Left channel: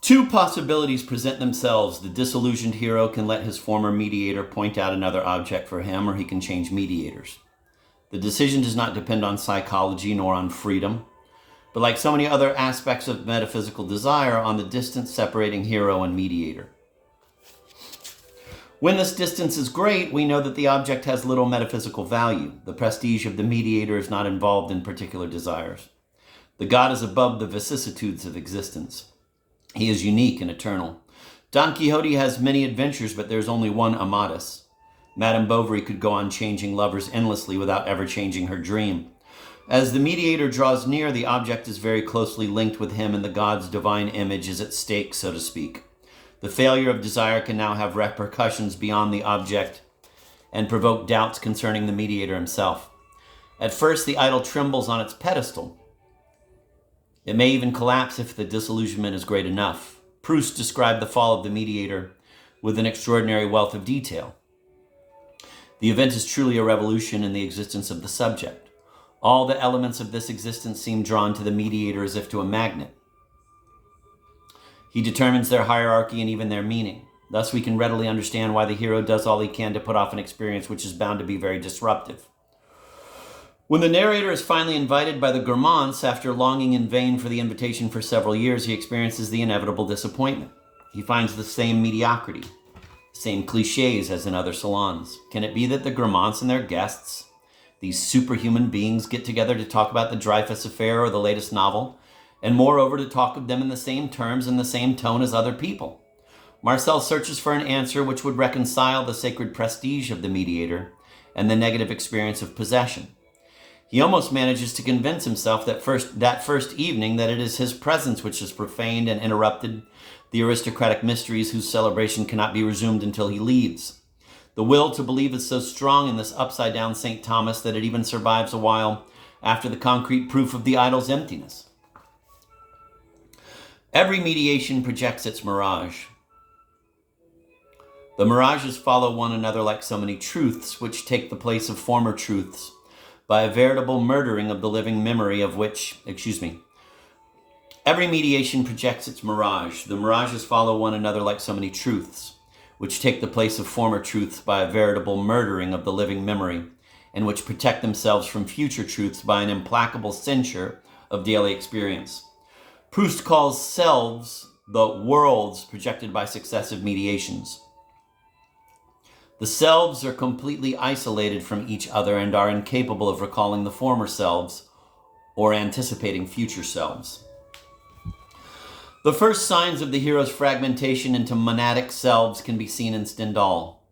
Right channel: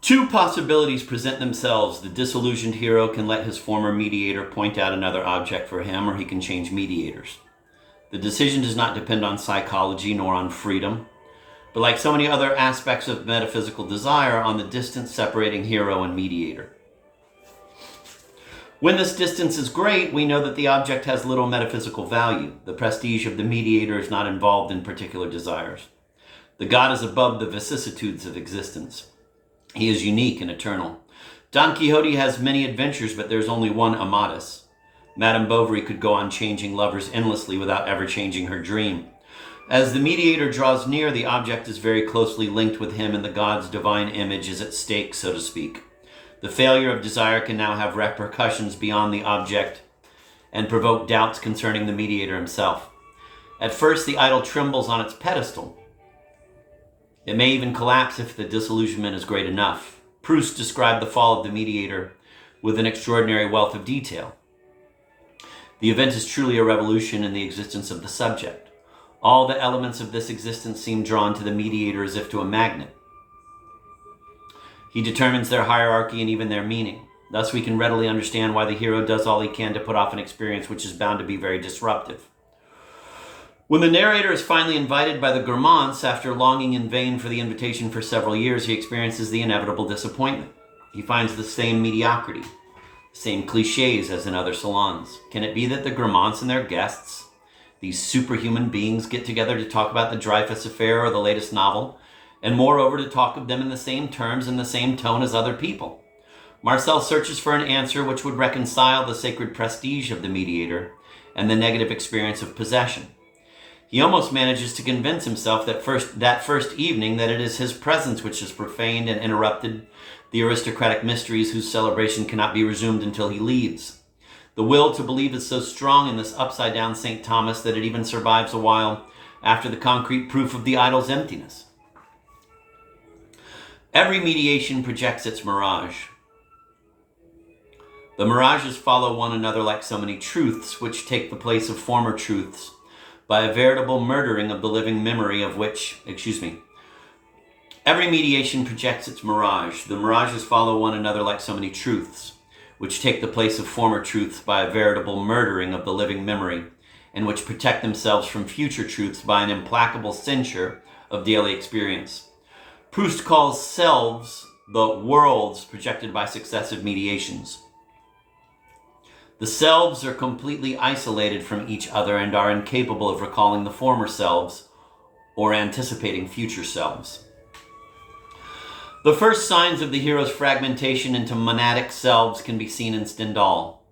Two possibilities present themselves. The disillusioned hero can let his former mediator point out another object for him, or he can change mediators. The decision does not depend on psychology nor on freedom, but like so many other aspects of metaphysical desire, on the distance separating hero and mediator. When this distance is great, we know that the object has little metaphysical value. The prestige of the mediator is not involved in particular desires. The god is above the vicissitudes of existence. He is unique and eternal. Don Quixote has many adventures, but there's only one Amadis. Madame Bovary could go on changing lovers endlessly without ever changing her dream. As the mediator draws near, the object is very closely linked with him, and the god's divine image is at stake, so to speak. The failure of desire can now have repercussions beyond the object and provoke doubts concerning the mediator himself. At first, the idol trembles on its pedestal. It may even collapse if the disillusionment is great enough. Proust described the fall of the mediator with an extraordinary wealth of detail. The event is truly a revolution in the existence of the subject. All the elements of this existence seem drawn to the mediator as if to a magnet. He determines their hierarchy and even their meaning. Thus, we can readily understand why the hero does all he can to put off an experience which is bound to be very disruptive. When the narrator is finally invited by the Guermantes, after longing in vain for the invitation for several years, he experiences the inevitable disappointment. He finds the same mediocrity, the same cliches as in other salons. Can it be that the Guermantes and their guests, these superhuman beings, get together to talk about the Dreyfus affair or the latest novel, and moreover to talk of them in the same terms and the same tone as other people? Marcel searches for an answer which would reconcile the sacred prestige of the mediator and the negative experience of possession. He almost manages to convince himself that first evening that it is his presence which has profaned and interrupted the aristocratic mysteries whose celebration cannot be resumed until he leaves. The will to believe is so strong in this upside-down St. Thomas that it even survives a while after the concrete proof of the idol's emptiness. Every mediation projects its mirage. The mirages follow one another like so many truths, which take the place of former truths, by a veritable murdering of the living memory of Every mediation projects its mirage. The mirages follow one another like so many truths, which take the place of former truths by a veritable murdering of the living memory, and which protect themselves from future truths by an implacable censure of daily experience. Proust calls selves the worlds projected by successive mediations. The selves are completely isolated from each other and are incapable of recalling the former selves or anticipating future selves. The first signs of the hero's fragmentation into monadic selves can be seen in Stendhal.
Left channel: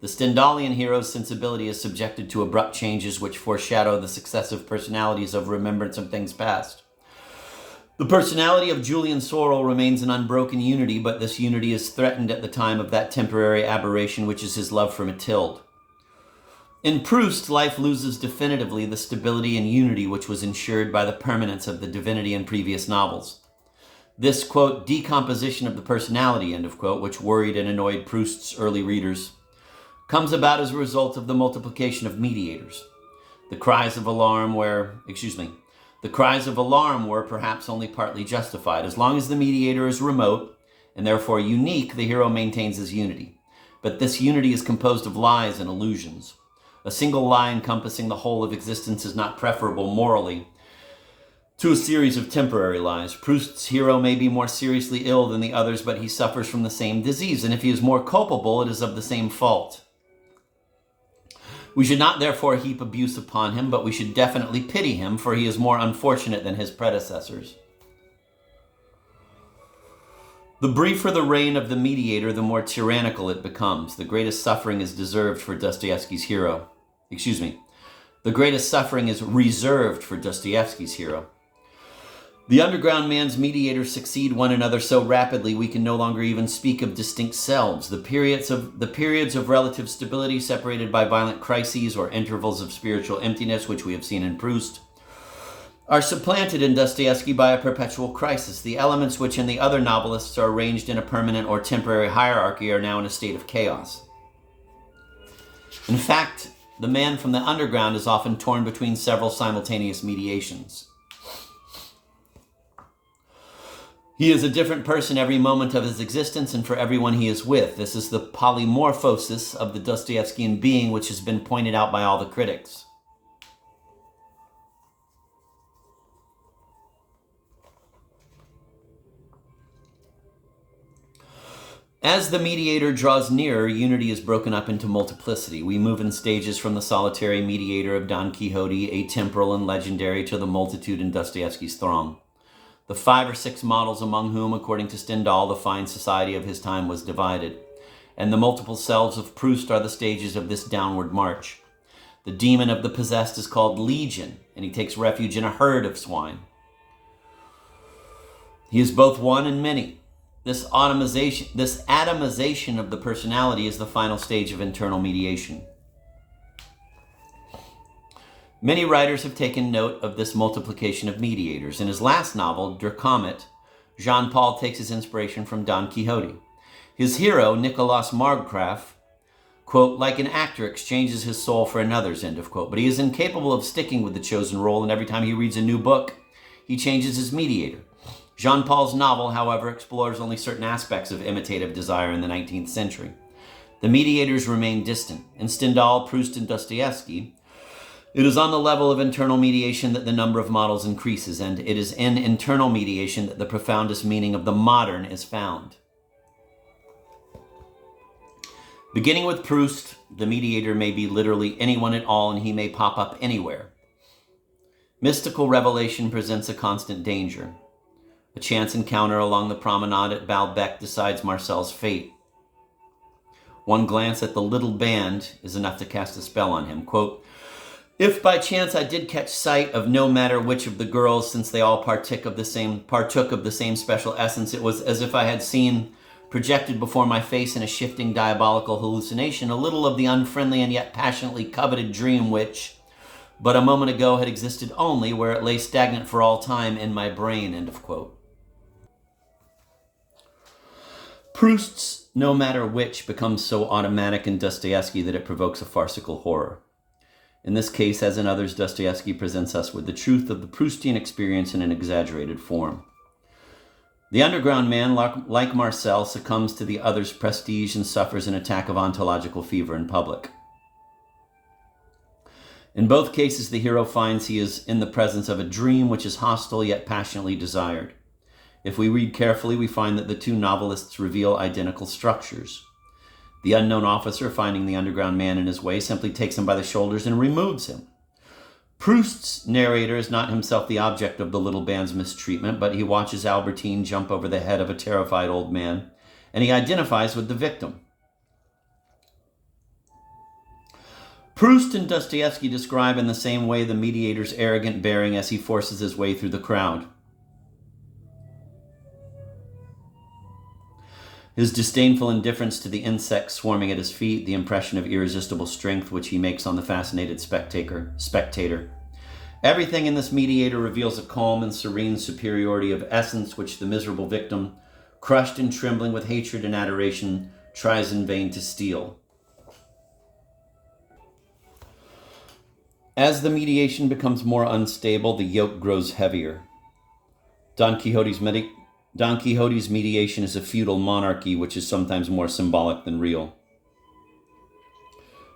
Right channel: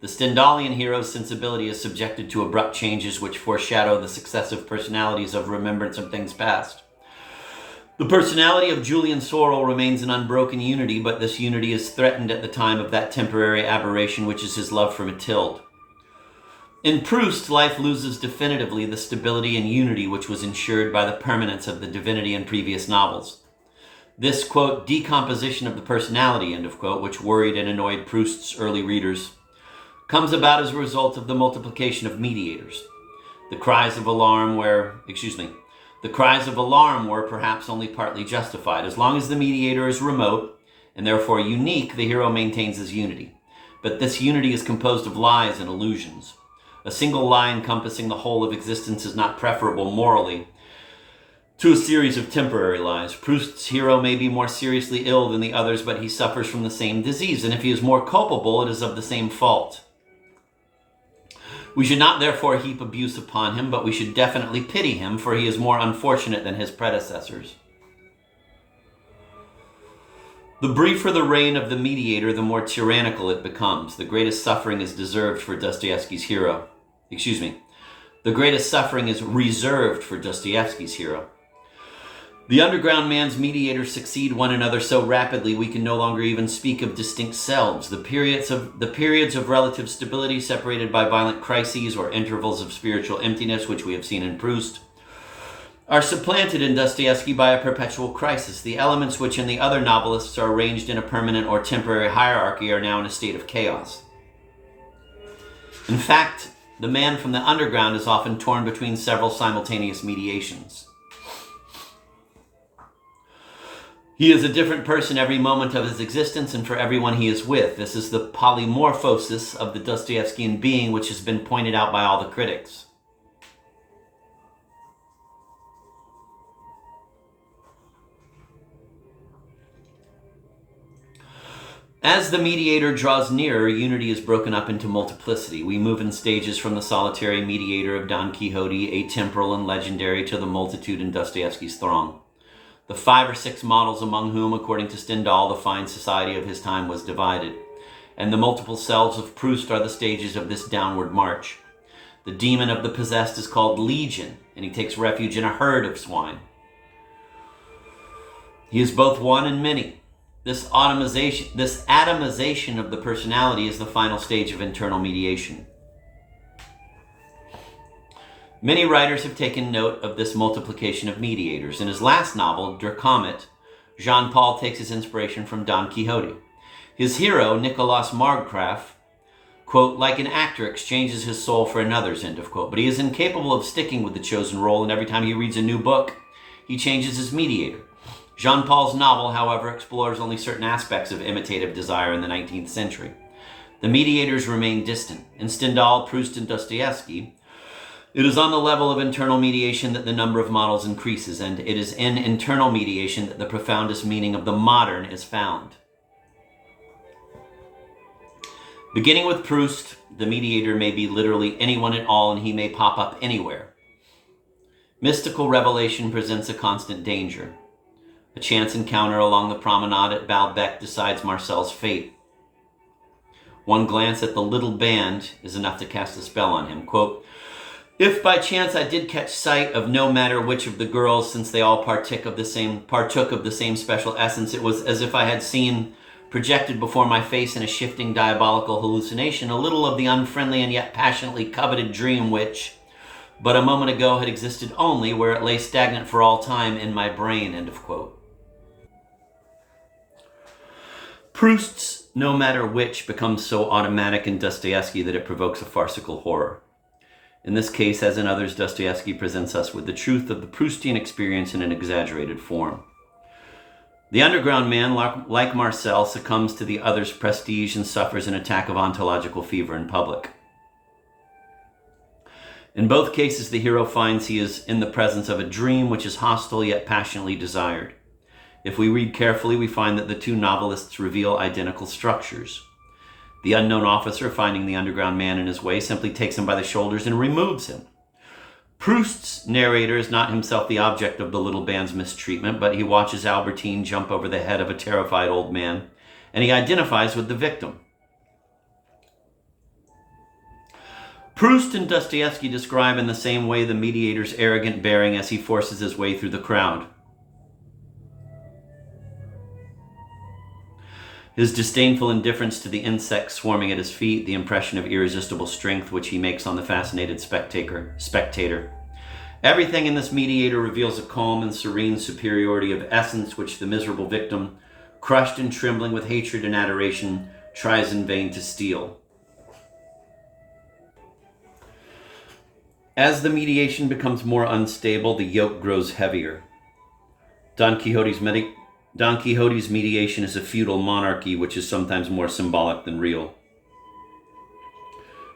The Stendhalian hero's sensibility is subjected to abrupt changes which foreshadow the successive personalities of remembrance of things past. The personality of Julian Sorel remains an unbroken unity, but this unity is threatened at the time of that temporary aberration which is his love for Mathilde. In Proust, life loses definitively the stability and unity which was ensured by the permanence of the divinity in previous novels. This, quote, decomposition of the personality, end of quote, which worried and annoyed Proust's early readers, comes about as a result of the multiplication of mediators. The cries of alarm were perhaps only partly justified. As long as the mediator is remote, and therefore unique, the hero maintains his unity. But this unity is composed of lies and illusions. A single lie encompassing the whole of existence is not preferable morally to a series of temporary lies. Proust's hero may be more seriously ill than the others, but he suffers from the same disease, and if he is more culpable, it is of the same fault. We should not therefore heap abuse upon him, but we should definitely pity him, for he is more unfortunate than his predecessors. The briefer the reign of the mediator, the more tyrannical it becomes. The greatest suffering is reserved for Dostoevsky's hero. The underground man's mediators succeed one another so rapidly we can no longer even speak of distinct selves. The periods of relative stability separated by violent crises or intervals of spiritual emptiness, which we have seen in Proust, are supplanted in Dostoevsky by a perpetual crisis. The elements which in the other novelists are arranged in a permanent or temporary hierarchy are now in a state of chaos. In fact, the man from the underground is often torn between several simultaneous mediations. He is a different person every moment of his existence and for everyone he is with. This is the polymorphosis of the Dostoevskian being, which has been pointed out by all the critics. As the mediator draws nearer, unity is broken up into multiplicity. We move in stages from the solitary mediator of Don Quixote, atemporal and legendary, to the multitude in Dostoevsky's throng. The 5 or 6 models among whom, according to Stendhal, the fine society of his time was divided. And the multiple selves of Proust are the stages of this downward march. The demon of the possessed is called Legion, and he takes refuge in a herd of swine. He is both one and many. This atomization of the personality is the final stage of internal mediation. Many writers have taken note of this multiplication of mediators. In his last novel, Der Comet, Jean-Paul takes his inspiration from Don Quixote. His hero, Nicolas Marggraf, quote, like an actor, exchanges his soul for another's, end of quote. But he is incapable of sticking with the chosen role, and every time he reads a new book, he changes his mediator. Jean-Paul's novel, however, explores only certain aspects of imitative desire in the 19th century. The mediators remain distant. In Stendhal, Proust, and Dostoevsky, it is on the level of internal mediation that the number of models increases, and it is in internal mediation that the profoundest meaning of the modern is found. Beginning with Proust, the mediator may be literally anyone at all, and he may pop up anywhere. Mystical revelation presents a constant danger. A chance encounter along the promenade at Baalbek decides Marcel's fate. One glance at the little band is enough to cast a spell on him. Quote, if by chance I did catch sight of no matter which of the girls, since they all partook of the same special essence, it was as if I had seen projected before my face in a shifting diabolical hallucination a little of the unfriendly and yet passionately coveted dream which, but a moment ago, had existed only where it lay stagnant for all time in my brain, end of quote. Proust's no matter which becomes so automatic in Dostoevsky that it provokes a farcical horror. In this case, as in others, Dostoevsky presents us with the truth of the Proustian experience in an exaggerated form. The underground man, like Marcel, succumbs to the other's prestige and suffers an attack of ontological fever in public. In both cases, the hero finds he is in the presence of a dream which is hostile yet passionately desired. If we read carefully, we find that the two novelists reveal identical structures. The unknown officer, finding the underground man in his way, simply takes him by the shoulders and removes him. Proust's narrator is not himself the object of the little band's mistreatment, but he watches Albertine jump over the head of a terrified old man, and he identifies with the victim. Proust and Dostoevsky describe in the same way the mediator's arrogant bearing as he forces his way through the crowd. His disdainful indifference to the insects swarming at his feet, the impression of irresistible strength which he makes on the fascinated spectator. Everything in this mediator reveals a calm and serene superiority of essence which the miserable victim, crushed and trembling with hatred and adoration, tries in vain to steal. As the mediation becomes more unstable, the yoke grows heavier. Don Quixote's mediation is a feudal monarchy which is sometimes more symbolic than real.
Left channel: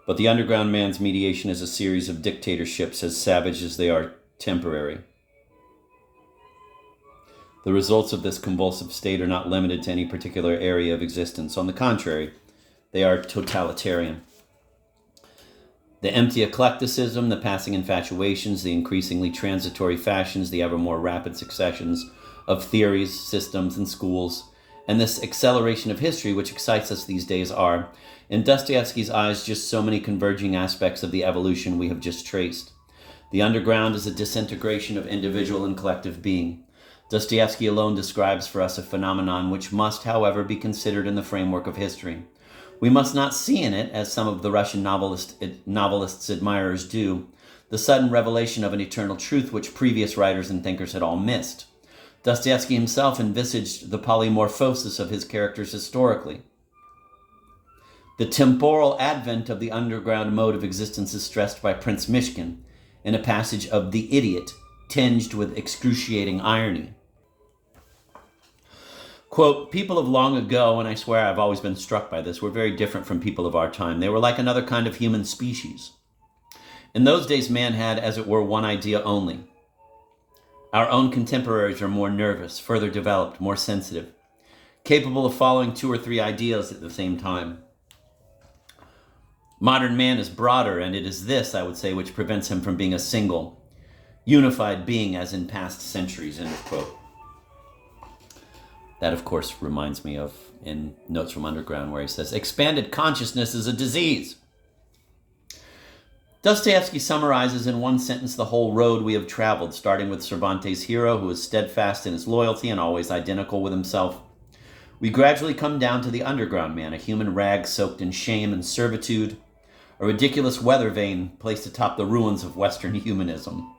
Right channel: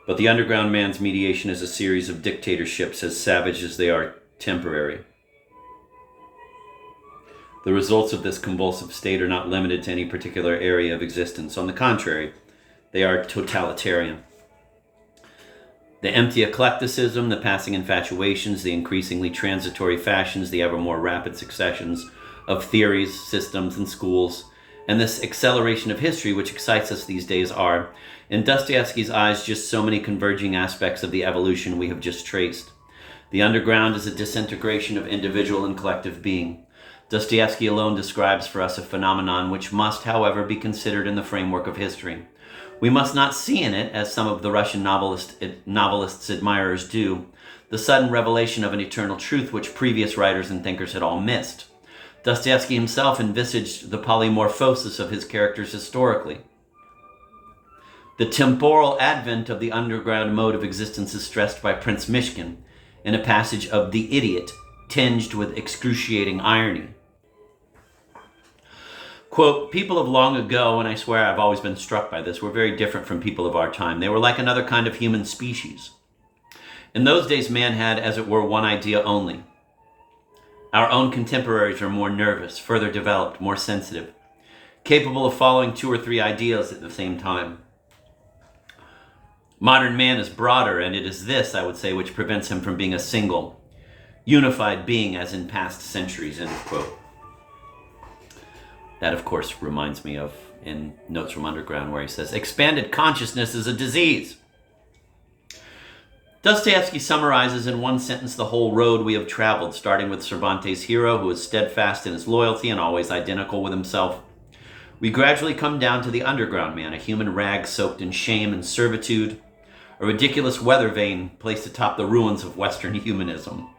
But the underground man's mediation is a series of dictatorships as savage as they are temporary. The results of this convulsive state are not limited to any particular area of existence. On the contrary, they are totalitarian. The empty eclecticism, the passing infatuations, the increasingly transitory fashions, the ever more rapid successions of theories, systems, and schools, and this acceleration of history which excites us these days are, in Dostoevsky's eyes, just so many converging aspects of the evolution we have just traced. The underground is a disintegration of individual and collective being. Dostoevsky alone describes for us a phenomenon which must, however, be considered in the framework of history. We must not see in it, as some of the Russian novelists' admirers do, the sudden revelation of an eternal truth which previous writers and thinkers had all missed. Dostoevsky himself envisaged the polymorphosis of his characters historically. The temporal advent of the underground mode of existence is stressed by Prince Mishkin in a passage of The Idiot, tinged with excruciating irony. Quote, people of long ago, and I swear I've always been struck by this, were very different from people of our time. They were like another kind of human species. In those days, man had, as it were, one idea only. Our own contemporaries are more nervous, further developed, more sensitive, capable of following 2 or 3 ideas at the same time. Modern man is broader, and it is this, I would say, which prevents him from being a single, unified being as in past centuries, end quote. That, of course, reminds me of in Notes from Underground, where he says, expanded consciousness is a disease. Dostoevsky summarizes in one sentence the whole road we have traveled, starting with Cervantes' hero, who is steadfast in his loyalty and always identical with himself. We gradually come down to the underground man, a human rag soaked in shame and servitude, a ridiculous weather vane placed atop the ruins of Western humanism.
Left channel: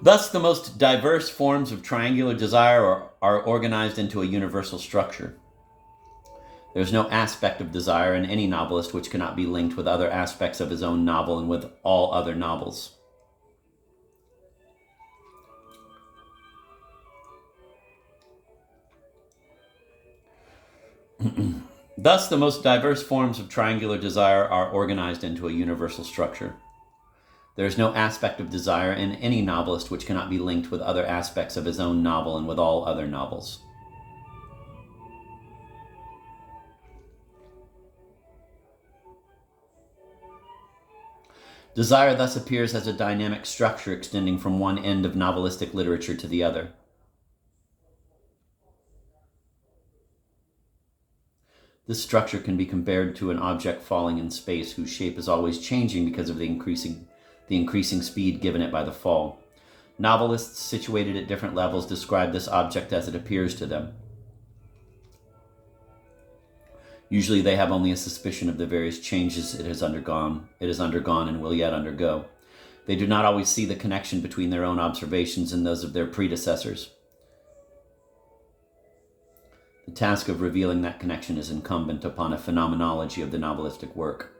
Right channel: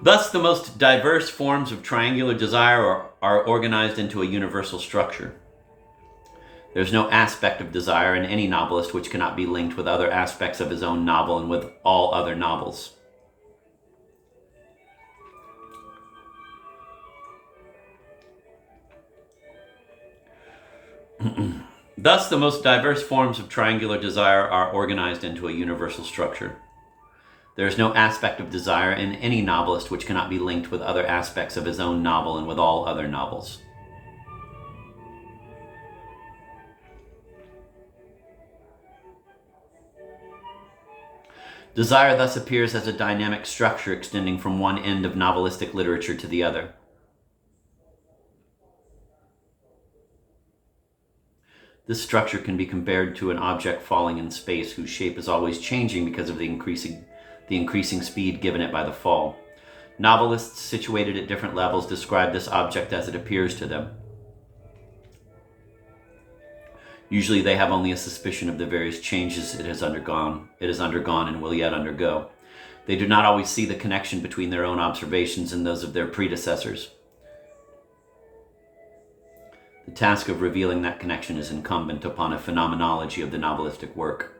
Thus, the most diverse forms of triangular desire are organized into a universal structure. There's no aspect of desire in any novelist which cannot be linked with other aspects of his own novel and with all other novels. Thus, the most diverse forms of triangular desire are organized into a universal structure. There is no aspect of desire in any novelist which cannot be linked with other aspects of his own novel and with all other novels. Desire thus appears as a dynamic structure extending from one end of novelistic literature to the other. This structure can be compared to an object falling in space whose shape is always changing because of the increasing speed given it by the fall. Novelists situated at different levels describe this object as it appears to them. Usually they have only a suspicion of the various changes it has undergone and will yet undergo. They do not always see the connection between their own observations and those of their predecessors. The task of revealing that connection is incumbent upon a phenomenology of the novelistic work.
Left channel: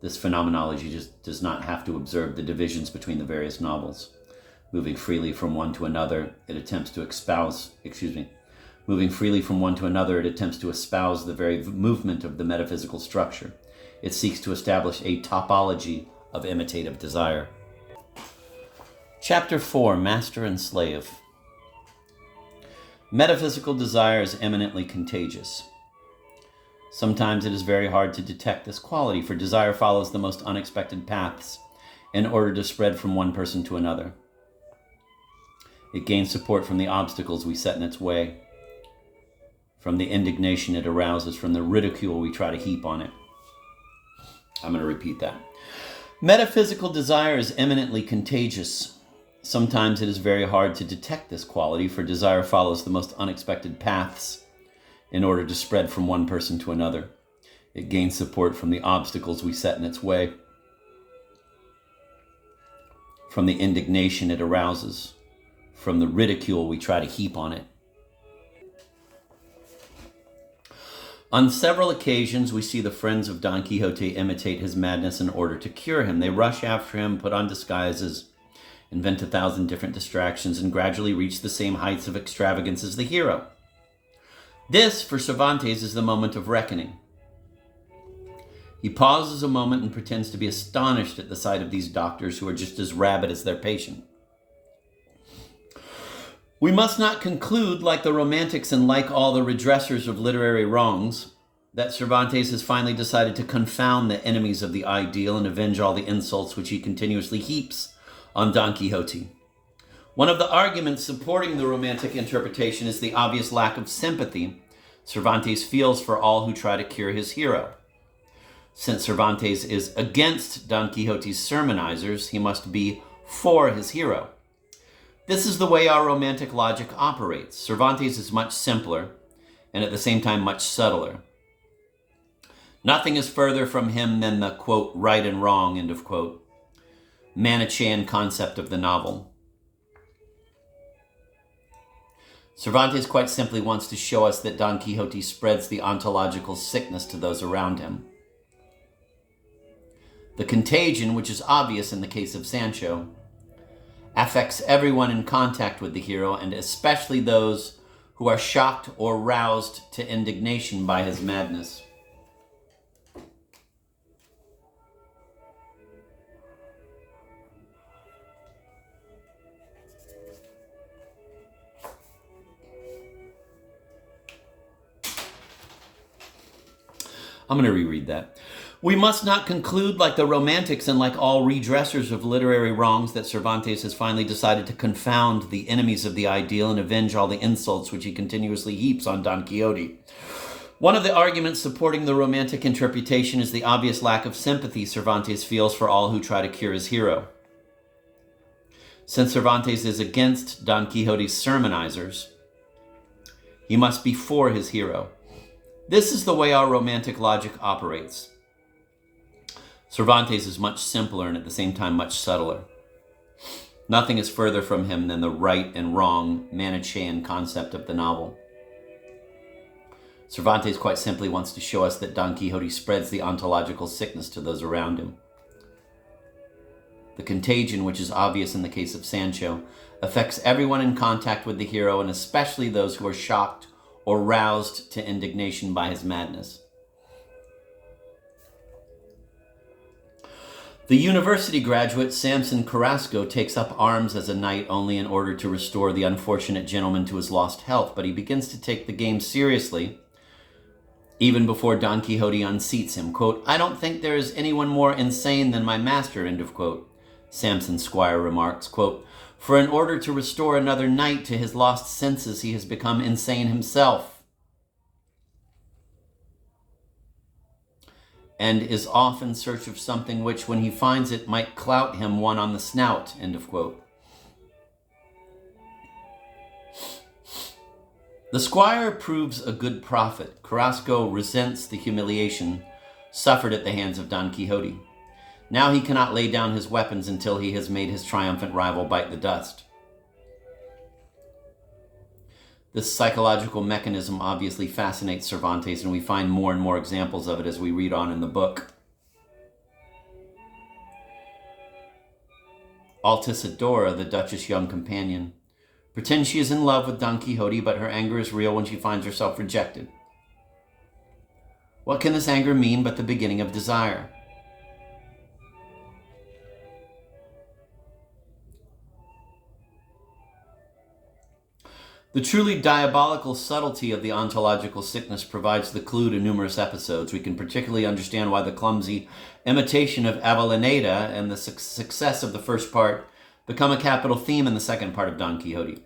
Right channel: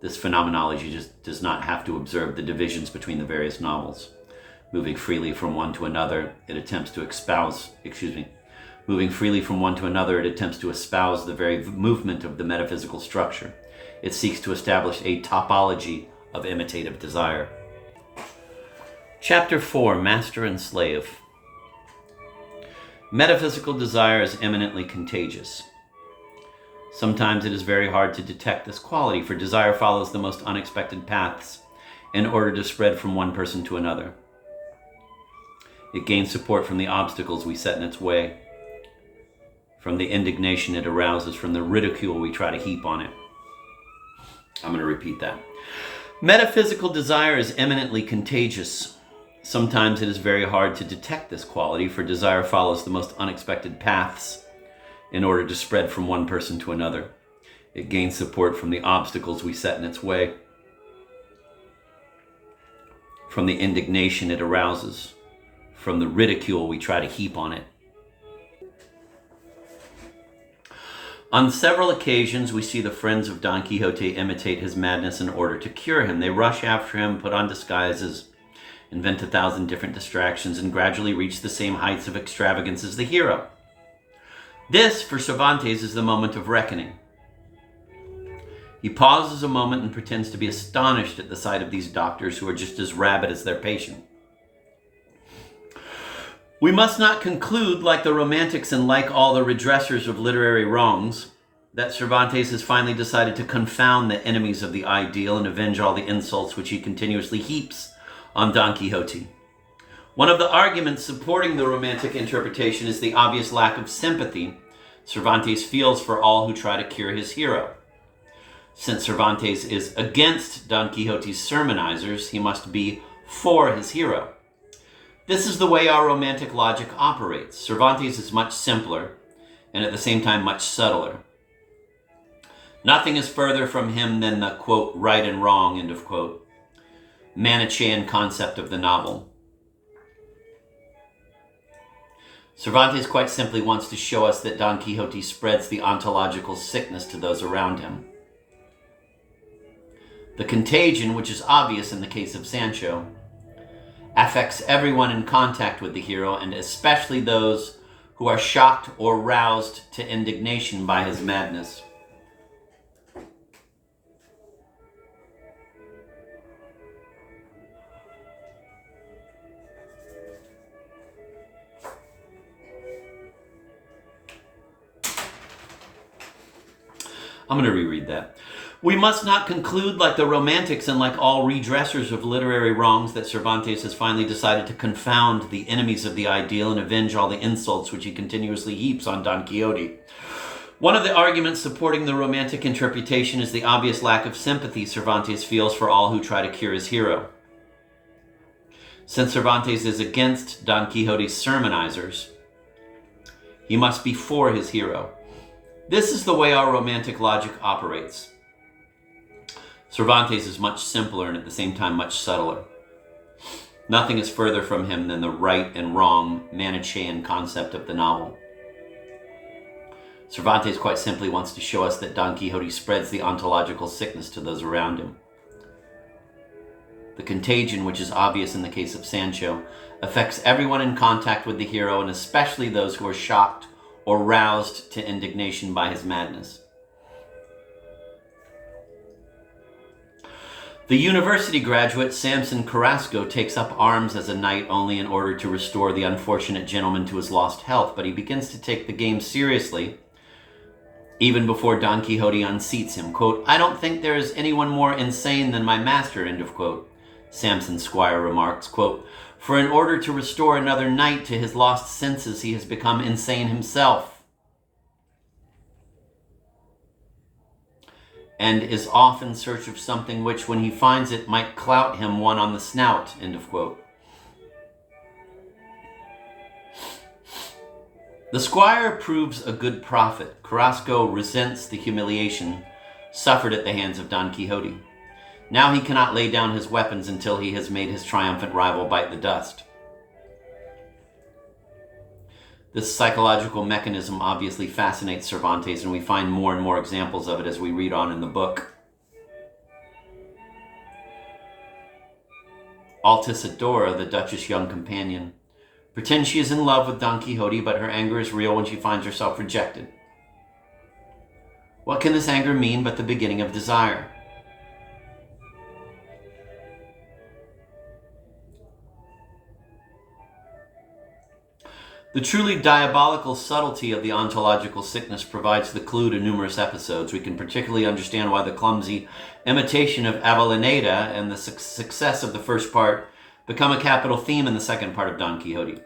This phenomenology just does not have to observe the divisions between the various novels. Moving freely from one to another, it attempts to espouse the very movement of the metaphysical structure. It seeks to establish a topology of imitative desire. Chapter 4, Master and Slave. Metaphysical desire is eminently contagious. Sometimes it is very hard to detect this quality, for desire follows the most unexpected paths in order to spread from one person to another. It gains support from the obstacles we set in its way, from the indignation it arouses, from the ridicule we try to heap on it. I'm going to repeat that. Metaphysical desire is eminently contagious. Sometimes it is very hard to detect this quality, for desire follows the most unexpected paths in order to spread from one person to another. It gains support from the obstacles we set in its way, from the indignation it arouses, from the ridicule we try to heap on it. On several occasions, we see the friends of Don Quixote imitate his madness in order to cure him. They rush after him, put on disguises, invent 1,000 different distractions, and gradually reach the same heights of extravagance as the hero. This, for Cervantes, is the moment of reckoning. He pauses a moment and pretends to be astonished at the sight of these doctors who are just as rabid as their patient. We must not conclude, like the Romantics and like all the redressers of literary wrongs, that Cervantes has finally decided to confound the enemies of the ideal and avenge all the insults which he continuously heaps on Don Quixote. One of the arguments supporting the Romantic interpretation is the obvious lack of sympathy Cervantes feels for all who try to cure his hero. Since Cervantes is against Don Quixote's sermonizers, he must be for his hero. This is the way our Romantic logic operates. Cervantes is much simpler and at the same time much subtler. Nothing is further from him than the, quote, right and wrong, end of quote, Manichaean concept of the novel. Cervantes quite simply wants to show us that Don Quixote spreads the ontological sickness to those around him. The contagion, which is obvious in the case of Sancho, a affects everyone in contact with the hero, and especially those who are shocked or roused to indignation by his madness. I'm going to reread that. We must not conclude, like the Romantics and like all redressers of literary wrongs, that Cervantes has finally decided to confound the enemies of the ideal and avenge all the insults which he continuously heaps on Don Quixote. One of the arguments supporting the Romantic interpretation is the obvious lack of sympathy Cervantes feels for all who try to cure his hero. Since Cervantes is against Don Quixote's sermonizers, he must be for his hero. This is the way our Romantic logic operates. Cervantes is much simpler and at the same time much subtler. Nothing is further from him than the right and wrong Manichaean concept of the novel. Cervantes quite simply wants to show us that Don Quixote spreads the ontological sickness to those around him. The contagion, which is obvious in the case of Sancho, affects everyone in contact with the hero, and especially those who are shocked or roused to indignation by his madness. The university graduate Samson Carrasco takes up arms as a knight only in order to restore the unfortunate gentleman to his lost health, but he begins to take the game seriously even before Don Quixote unseats him. Quote, "I don't think there is anyone more insane than my master," end of quote. Samson's squire remarks, quote, "For in order to restore another knight to his lost senses, he has become insane himself, and is off in search of something which, when he finds it, might clout him one on the snout," end of quote. The squire proves a good prophet. Carrasco resents the humiliation suffered at the hands of Don Quixote. Now he cannot lay down his weapons until he has made his triumphant rival bite the dust. This psychological mechanism obviously fascinates Cervantes, and we find more and more examples of it as we read on in the book. Altisidora, the Duchess' young companion, pretends she is in love with Don Quixote, but her anger is real when she finds herself rejected. What can this anger mean but the beginning of desire? The truly diabolical subtlety of the ontological sickness provides the clue to numerous episodes. We can particularly understand why the clumsy imitation of Avellaneda and the success of the first part become a capital theme in the second part of Don Quixote.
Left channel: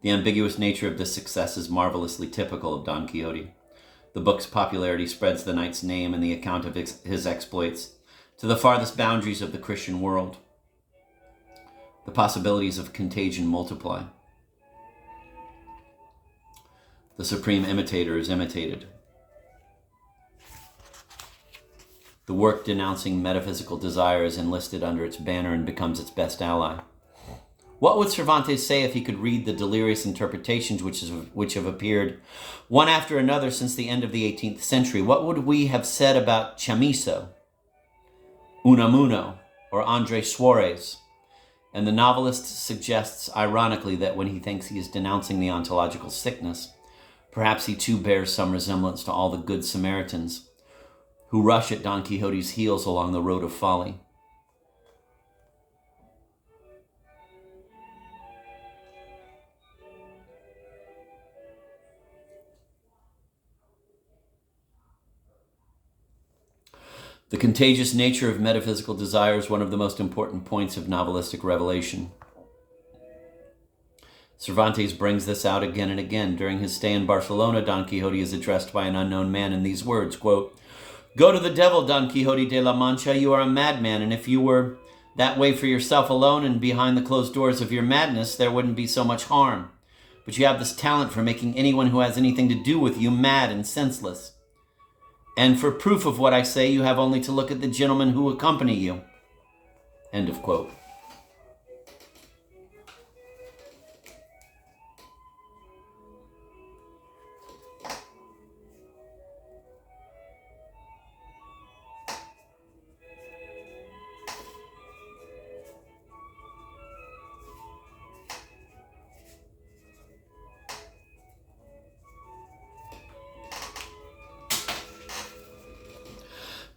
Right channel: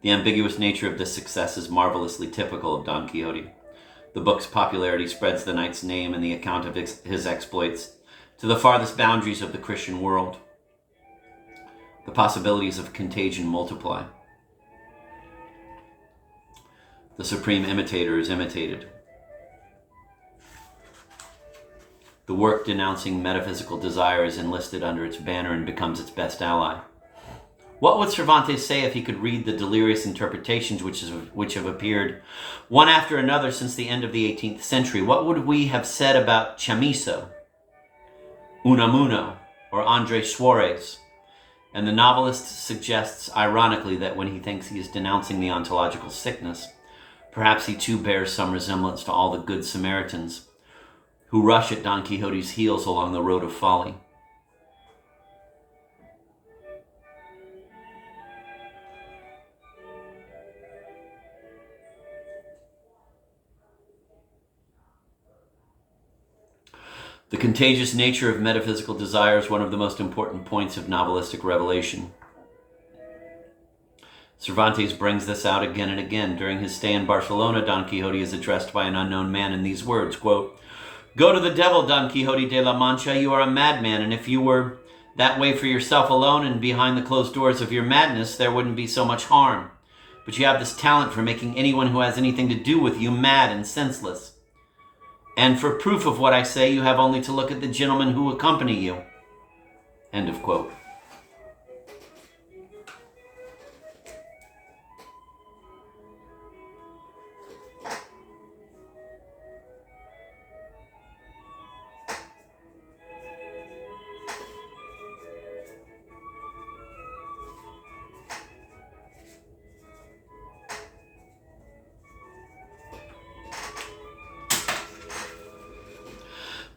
The ambiguous nature of this success is marvelously typical of Don Quixote. The book's popularity spreads the knight's name and the account of his exploits to the farthest boundaries of the Christian world. The possibilities of contagion multiply. The supreme imitator is imitated. The work denouncing metaphysical desire is enlisted under its banner and becomes its best ally. What would Cervantes say if he could read the delirious interpretations which have appeared one after another since the end of the 18th century? What would we have said about Chamizo, Unamuno, or Andrés Suárez? And the novelist suggests ironically that when he thinks he is denouncing the ontological sickness, perhaps he too bears some resemblance to all the good Samaritans who rush at Don Quixote's heels along the road of folly. The contagious nature of metaphysical desire is one of the most important points of novelistic revelation. Cervantes brings this out again and again. During his stay in Barcelona, Don Quixote is addressed by an unknown man in these words, quote, "Go to the devil, Don Quixote de la Mancha, you are a madman, and if you were that way for yourself alone and behind the closed doors of your madness, there wouldn't be so much harm. But you have this talent for making anyone who has anything to do with you mad and senseless. And for proof of what I say, you have only to look at the gentlemen who accompany you." End of quote.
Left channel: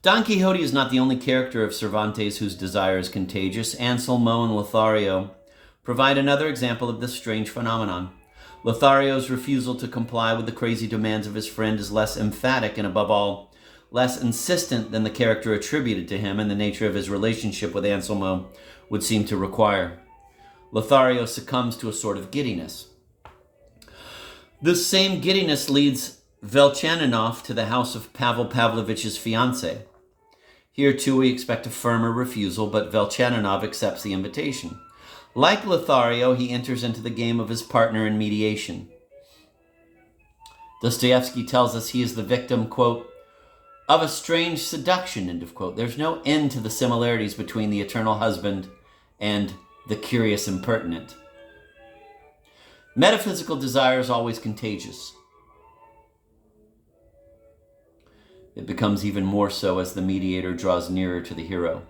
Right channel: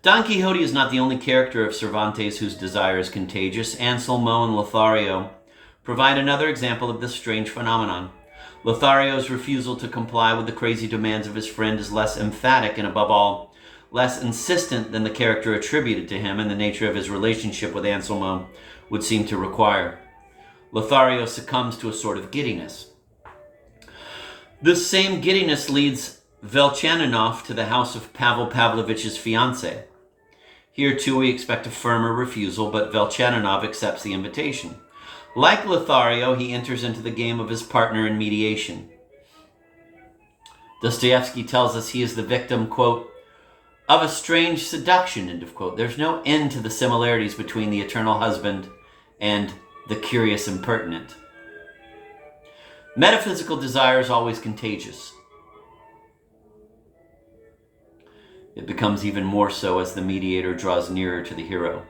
Don Quixote is not the only character of Cervantes whose desire is contagious. Anselmo and Lothario provide another example of this strange phenomenon. Lothario's refusal to comply with the crazy demands of his friend is less emphatic and, above all, less insistent than the character attributed to him and the nature of his relationship with Anselmo would seem to require. Lothario succumbs to a sort of giddiness. This same giddiness leads Velchaninov to the house of Pavel Pavlovich's fiancée. Here, too, we expect a firmer refusal, but Velchaninov accepts the invitation. Like Lothario, he enters into the game of his partner in mediation. Dostoevsky tells us he is the victim, quote, of a strange seduction, end of quote. There's no end to the similarities between the eternal husband and the curious impertinent. Metaphysical desire is always contagious. It becomes even more so as the mediator draws nearer to the hero.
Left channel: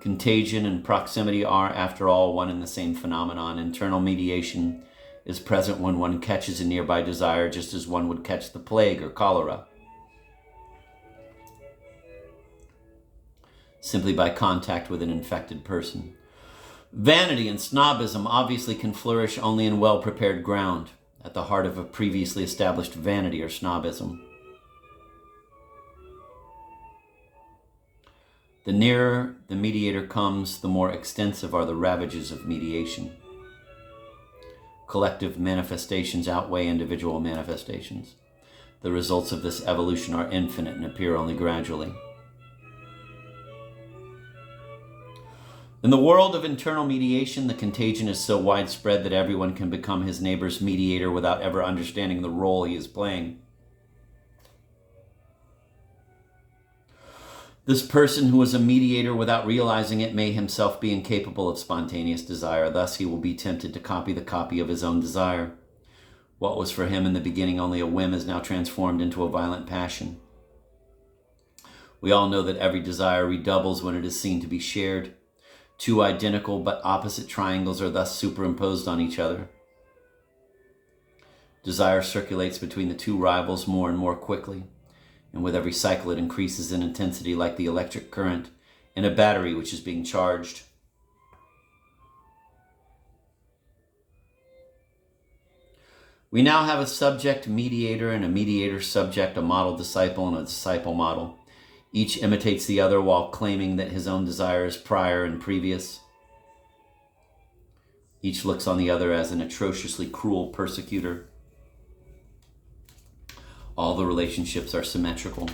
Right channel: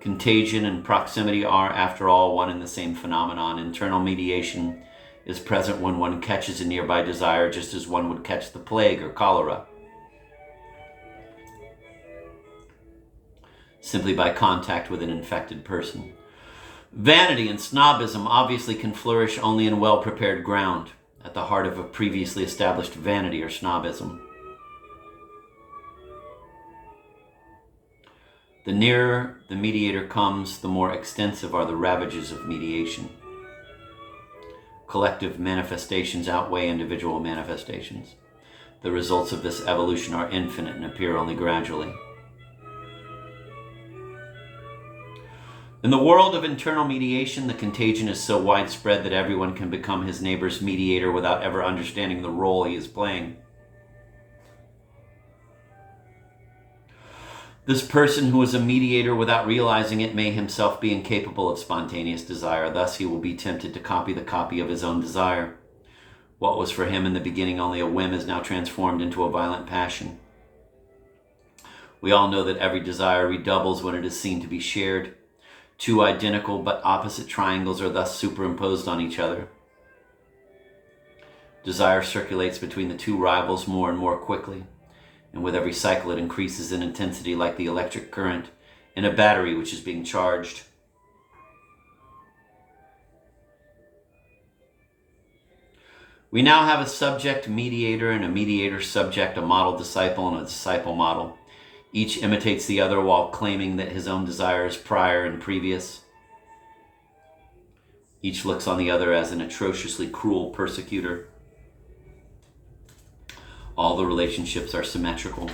Contagion and proximity are, after all, one and the same phenomenon. Internal mediation is present when one catches a nearby desire, just as one would catch the plague or cholera, simply by contact with an infected person. Vanity and snobism obviously can flourish only in well-prepared ground, at the heart of a previously established vanity or snobism. The nearer the mediator comes, the more extensive are the ravages of mediation. Collective manifestations outweigh individual manifestations. The results of this evolution are infinite and appear only gradually. In the world of internal mediation, the contagion is so widespread that everyone can become his neighbor's mediator without ever understanding the role he is playing. This person who is a mediator without realizing it may himself be incapable of spontaneous desire. Thus, he will be tempted to copy the copy of his own desire. What was for him in the beginning only a whim is now transformed into a violent passion. We all know that every desire redoubles when it is seen to be shared. Two identical but opposite triangles are thus superimposed on each other. Desire circulates between the two rivals more and more quickly, and with every cycle it increases in intensity like the electric current in a battery which is being charged. We now have a subject-mediator and a mediator-subject, a model-disciple and a disciple model. Each imitates the other while claiming that his own desire is prior and previous. Each looks on the other as an atrociously cruel persecutor. All the relationships are symmetrical.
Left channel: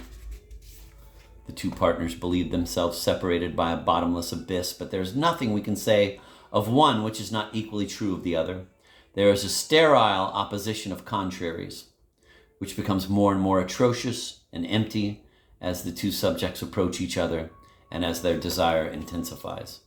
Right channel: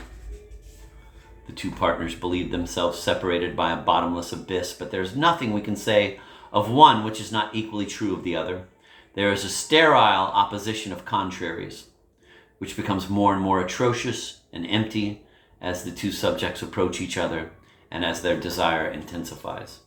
The two partners believe themselves separated by a bottomless abyss, but there's nothing we can say of one which is not equally true of the other. There is a sterile opposition of contraries, which becomes more and more atrocious and empty as the two subjects approach each other and as their desire intensifies.